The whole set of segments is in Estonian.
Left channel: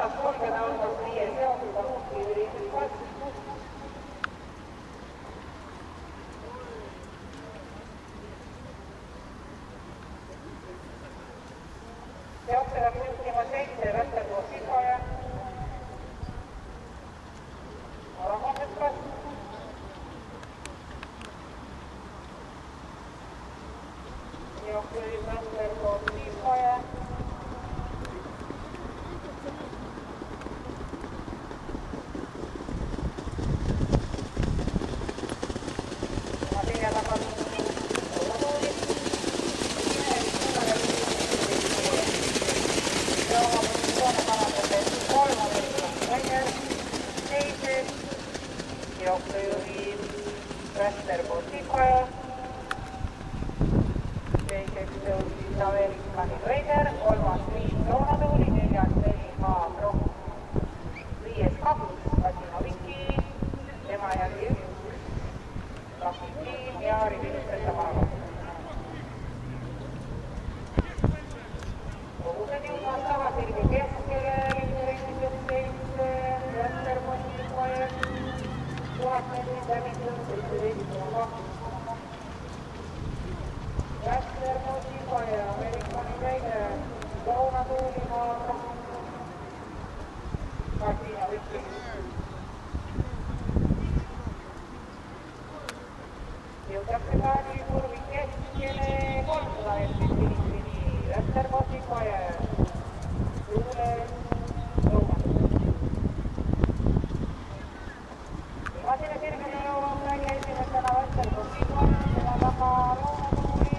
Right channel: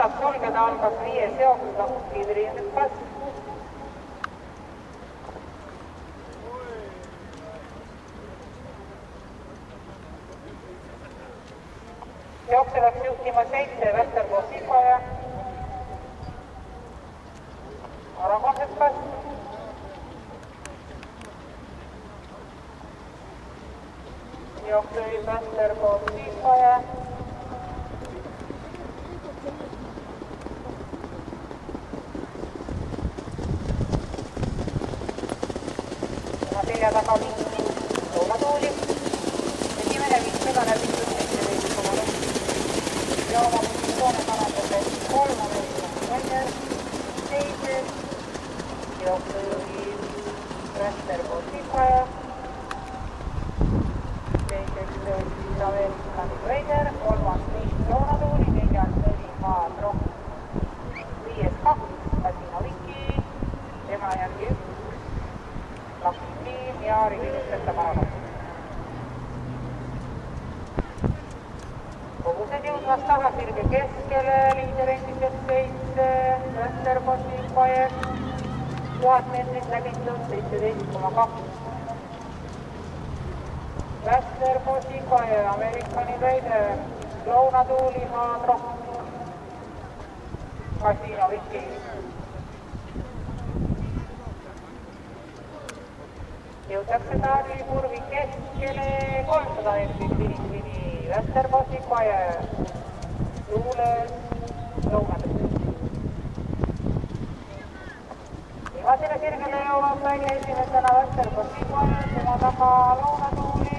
vastas sulgeda algas 5 seoga kiiviriindes. Jookse läks juhtima 7 Västerboos Silvaja. Aragonses kas. Jookse Västerboos Silvaja. Selja taga loomatuuli. Esimene viisigane ja oma positsioone parandades 3 Rainer, 7 jooksujuhi Västerboos Silvaja, 2. tõusis Ameerikani Rainer, 3. Liis Loonatuuli, 4. Neliha Tromp, 5. 2 Kasino Viki, tema järgi 1 Lakitiim ja Rivilustretta Paragon. Kogused jõudmas tagasirge keskele, liiderendides 7, Västerboos Silvaja, 1000 meetrit läbitud 17,2. Västerboos Silvaja, Ameerikani Rainer, Loonatuuli, Maadro, Kasino Viki. Jõutakse taagi kurvi keskele 300 meetrit finisini. Västerboos Silvaja, Luules, Loonatuuli. Viimasele sirgele jõuab välja esimesena Västerboos Silvaja, tema taga Loonatuuli,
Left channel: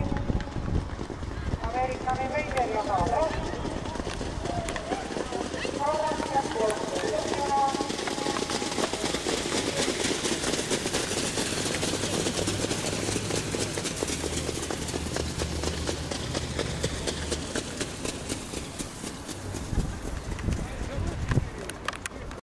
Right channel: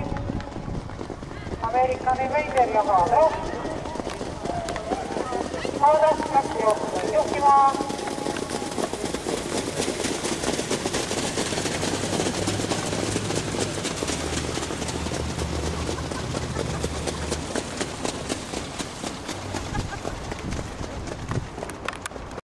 Ameerikani Rainer ja Maadro. Maadro läks juhtima